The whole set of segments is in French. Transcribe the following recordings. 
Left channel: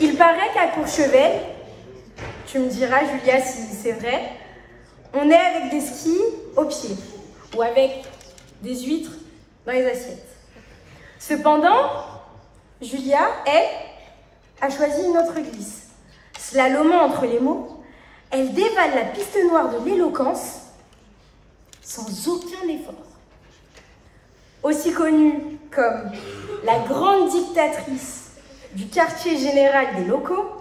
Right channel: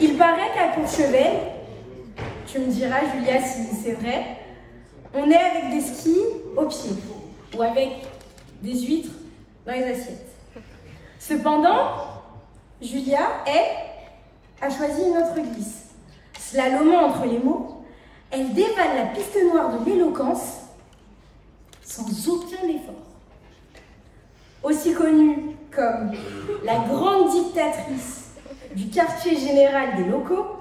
Il paraît qu'à Courchevel, tu me diras Julia si c'est vrai, on est avec des skis au pied ou avec des huîtres dans les assiettes. Cependant, Julia, elle, a choisi une autre glisse. Slalomant entre les mots, elle dévale la piste noire de l'éloquence sans aucun effort. Aussi connue comme la grande dictatrice du quartier général des locaux,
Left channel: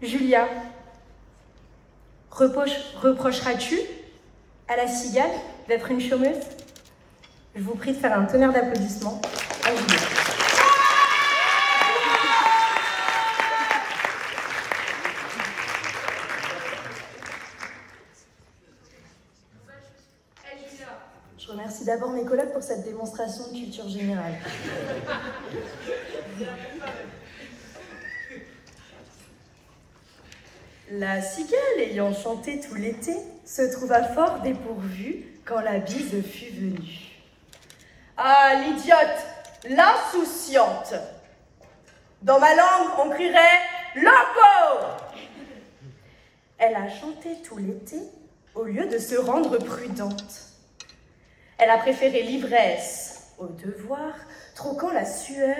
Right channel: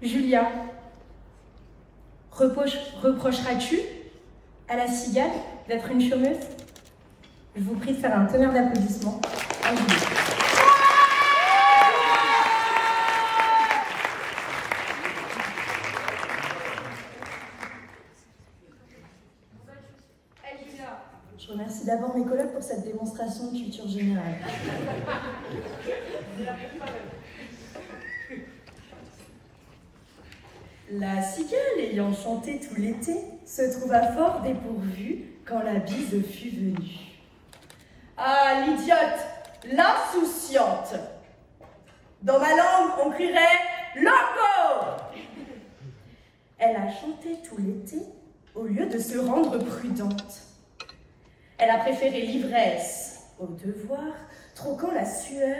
Julia, reprocheras-tu à la cigale d'être une chômeuse? Je vous prie de faire un tonnerre d'applaudissements à Julia. Je remercie d'abord mes collègues pour cette démonstration de culture générale. La cigale, ayant chanté tout l'été, se trouva fort dépourvue quand la bise fut venue. Ah, l'idiote, l'insouciante. Dans ma langue, on crierait « Loco !» Elle a chanté tout l'été au lieu de se rendre prudente. Elle a préféré l'ivresse au devoir, troquant la sueur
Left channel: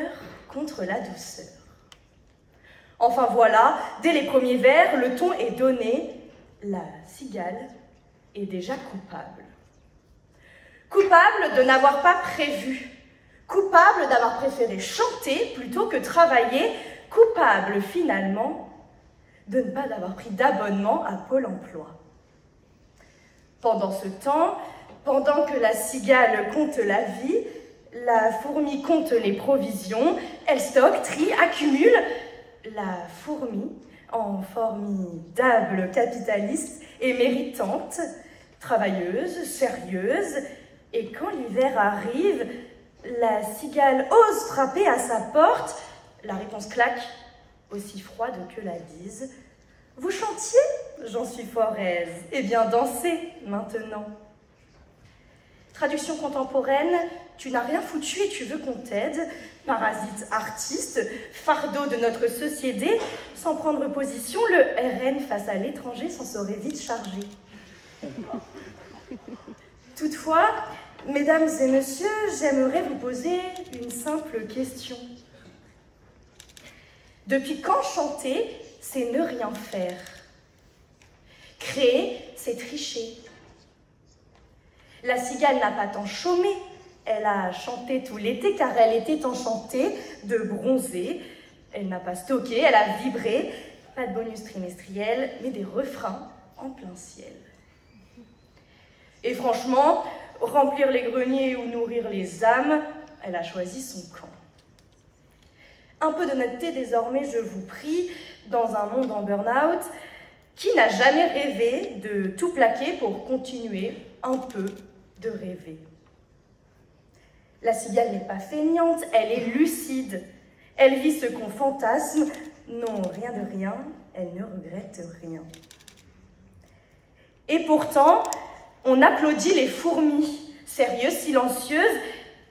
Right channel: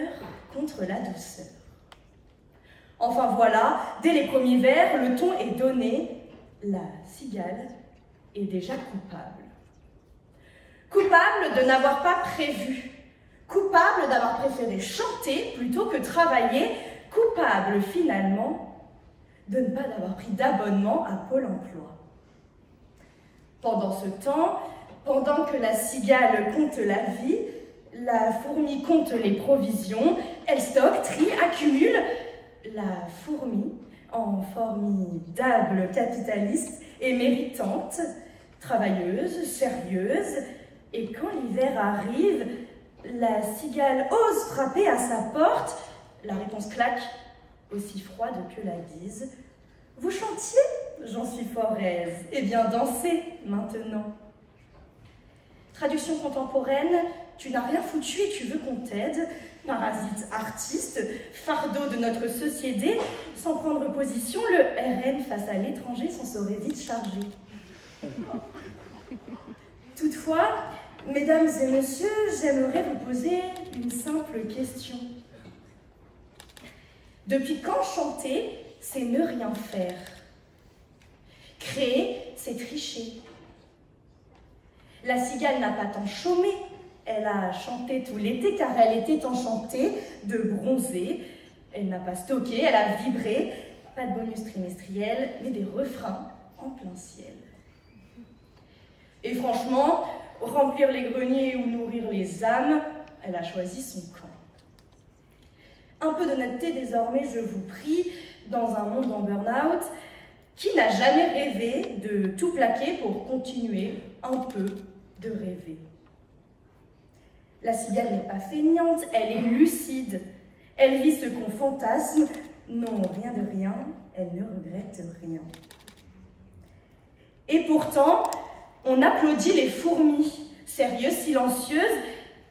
contre la douceur. Enfin voilà, dès les premiers vers, le ton est donné. La cigale est déjà coupable. Coupable de n'avoir pas prévu. Coupable d'avoir préféré chanter plutôt que travailler. Coupable finalement de ne pas avoir pris d'abonnement à Pôle emploi. Pendant ce temps, pendant que la cigale compte la vie, la fourmi compte les provisions, elle stocke, trie, accumule. La fourmi, en formidable capitaliste, est méritante, travailleuse, sérieuse, et quand l'hiver arrive, la cigale ose frapper à sa porte. La réponse claque, aussi froide que la bise. Vous chantiez? J'en suis fort aise. Eh bien, dansez maintenant. Traduction contemporaine, tu n'as rien foutu et tu veux qu'on t'aide. Parasite artiste, fardeau de notre société, sans prendre position, le RN face à l'étranger s'en serait vite chargé. Toutefois, mesdames et messieurs, j'aimerais vous poser une simple question. Depuis quand chanter, c'est ne rien faire? Créer, c'est tricher. La cigale n'a pas tant chômé, elle a chanté tout l'été car elle était enchantée de bronzer. Elle n'a pas stocké, elle a vibré. Pas de bonus trimestriel, mais des refrains en plein ciel. Et franchement, remplir les greniers ou nourrir les âmes, elle a choisi son camp. Un peu d'honnêteté désormais, je vous prie, dans un monde en burn-out, qui n'a jamais rêvé de tout plaquer pour continuer un peu de rêver? La cigale n'est pas feignante, elle est lucide. Elle vit ce qu'on fantasme. Non, rien de rien, elle ne regrette rien. Et pourtant, on applaudit les fourmis. Sérieuses, silencieuses,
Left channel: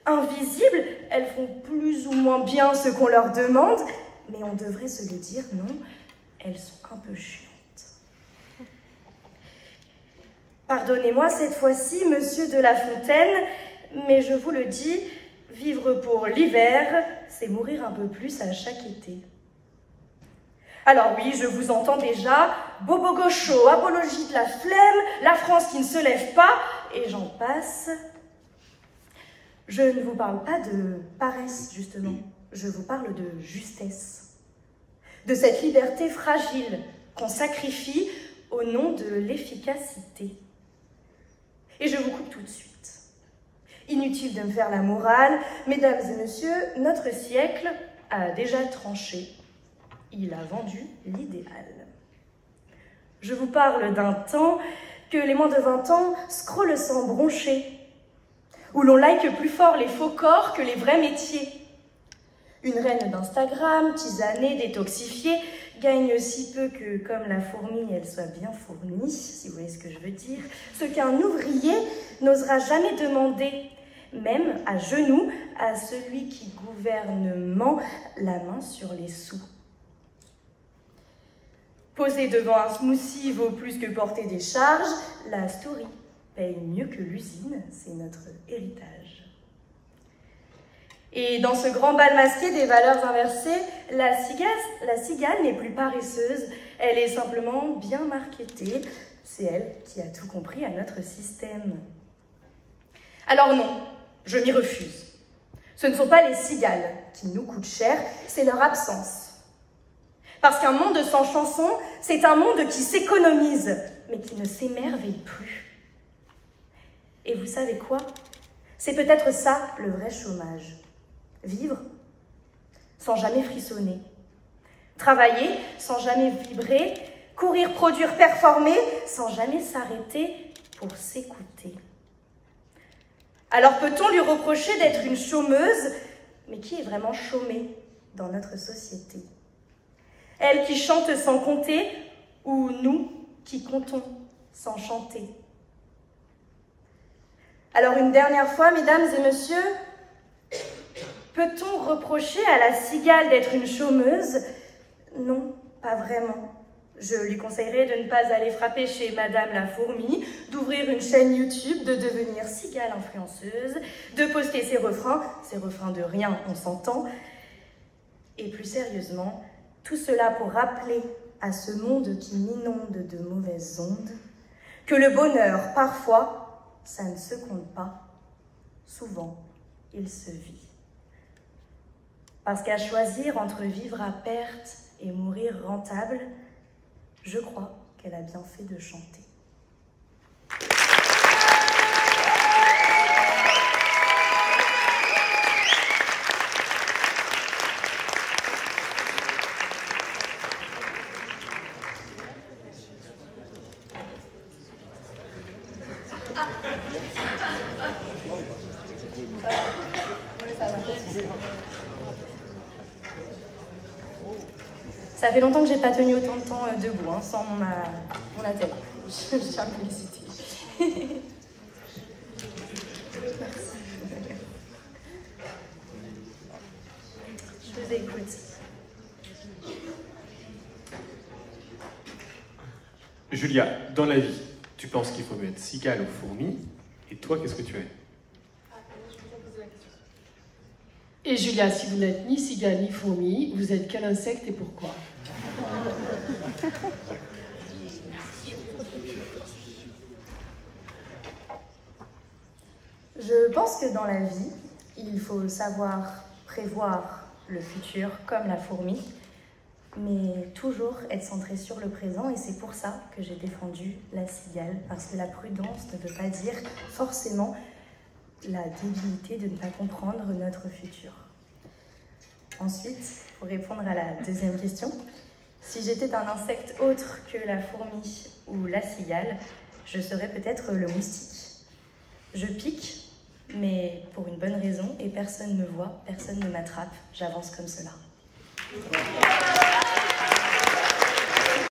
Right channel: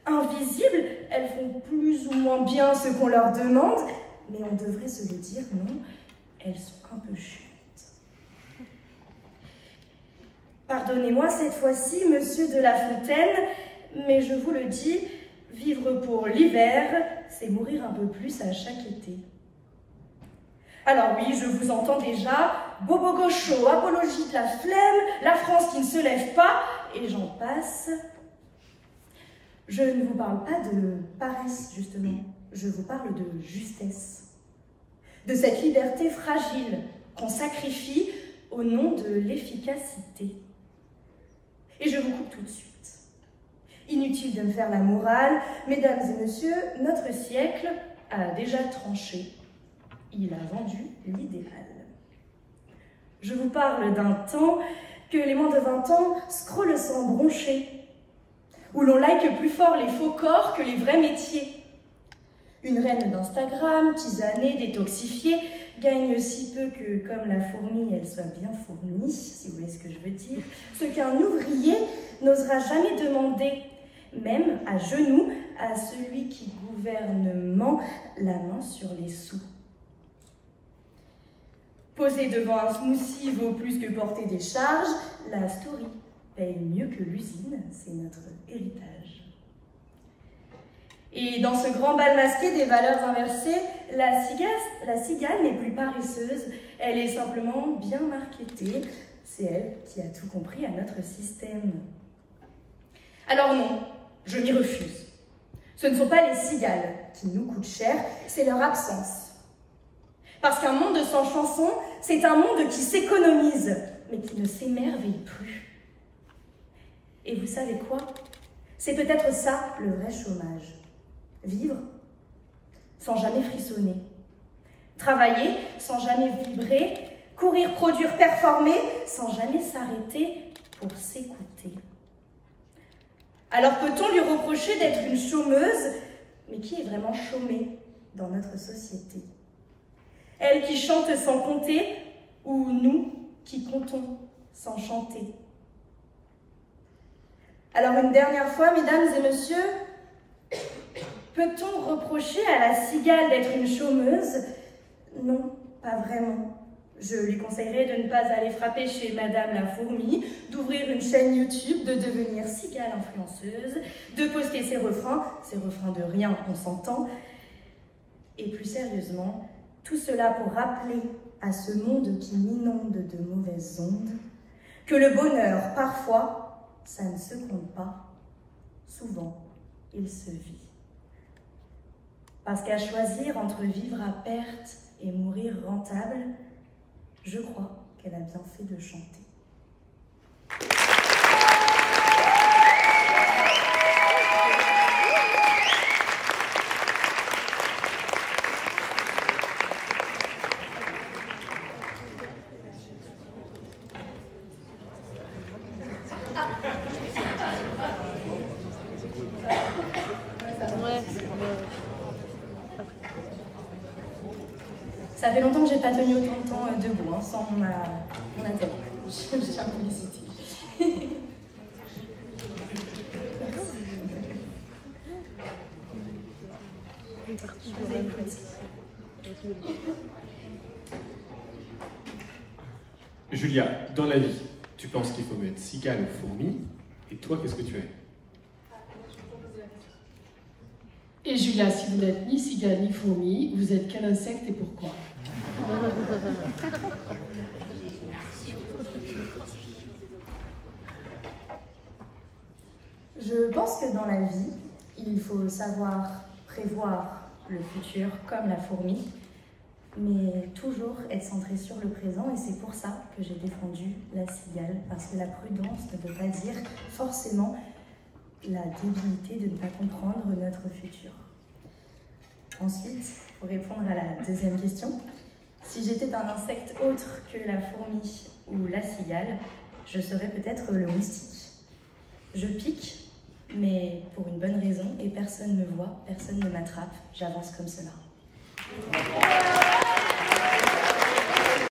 invisibles, elles font plus ou moins bien ce qu'on leur demande, mais on devrait se le dire, non, elles sont un peu chiantes. Pardonnez-moi cette fois-ci, monsieur de La Fontaine, mais je vous le dis, vivre pour l'hiver, c'est mourir un peu plus à chaque été. Alors oui, je vous entends déjà, bobo gaucho, apologie de la flemme, la France qui ne se lève pas, et j'en passe. Je ne vous parle pas de paresse, justement, je vous parle de justesse. De cette liberté fragile qu'on sacrifie au nom de l'efficacité. Et je vous coupe tout de suite. Inutile de me faire la morale, mesdames et messieurs, notre siècle a déjà tranché. Il a vendu l'idéal. Je vous parle d'un temps que les moins de 20 ans scrollent sans broncher, où l'on like plus fort les faux corps que les vrais métiers. Une reine d'Instagram, tisanée, détoxifiée, gagne si peu que, comme la fourmi, elle soit bien fournie, si vous voyez ce que je veux dire, ce qu'un ouvrier n'osera jamais demander, même à genoux, à celui qui gouvernement la main sur les sous. Poser devant un smoothie vaut plus que porter des charges. La story paye mieux que l'usine, c'est notre héritage. Et dans ce grand bal masqué des valeurs inversées, la cigale n'est plus paresseuse, elle est simplement bien marketée. C'est elle qui a tout compris à notre système. Alors non, je m'y refuse. Ce ne sont pas les cigales qui nous coûtent cher, c'est leur absence. Parce qu'un monde sans chanson, c'est un monde qui s'économise, mais qui ne s'émerveille plus. Et vous savez quoi? C'est peut-être ça le vrai chômage. Vivre sans jamais frissonner. Travailler sans jamais vibrer. Courir, produire, performer sans jamais s'arrêter pour s'écouter. Alors peut-on lui reprocher d'être une chômeuse? Mais qui est vraiment chômée dans notre société? Elle qui chante sans compter, ou nous qui comptons sans chanter? Alors une dernière fois, mesdames et messieurs, peut-on reprocher à la cigale d'être une chômeuse? Non, pas vraiment. Je lui conseillerais de ne pas aller frapper chez Madame la Fourmi, d'ouvrir une chaîne YouTube, de devenir cigale influenceuse, de poster ses refrains de rien, on s'entend. Et plus sérieusement, tout cela pour rappeler à ce monde qui m'inonde de mauvaises ondes que le bonheur, parfois, ça ne se compte pas. Souvent, il se vit. Parce qu'à choisir entre vivre à perte et mourir rentable, je crois qu'elle a bien fait de chanter. Ça fait longtemps que j'ai pas tenu autant de temps debout, sans mon attelle. Je suis à publicité. Merci. Je vous écoute. Julia, dans la vie, tu penses qu'il faut être cigale ou fourmi? Et toi, qu'est-ce que tu es? Et Julia, si vous n'êtes ni cigale ni fourmi, vous êtes quel insecte et pourquoi? Je pense que dans la vie, il faut savoir prévoir le futur comme la fourmi, mais toujours être centré sur le présent, et c'est pour ça que j'ai défendu la cigale, parce que la prudence ne veut pas dire forcément la débilité de ne pas comprendre notre futur. Ensuite, pour répondre à la deuxième question, si j'étais un insecte autre que la fourmi ou la cigale, je serais peut-être le moustique. Je pique, mais pour une bonne raison, et personne ne voit, personne ne m'attrape, j'avance comme cela.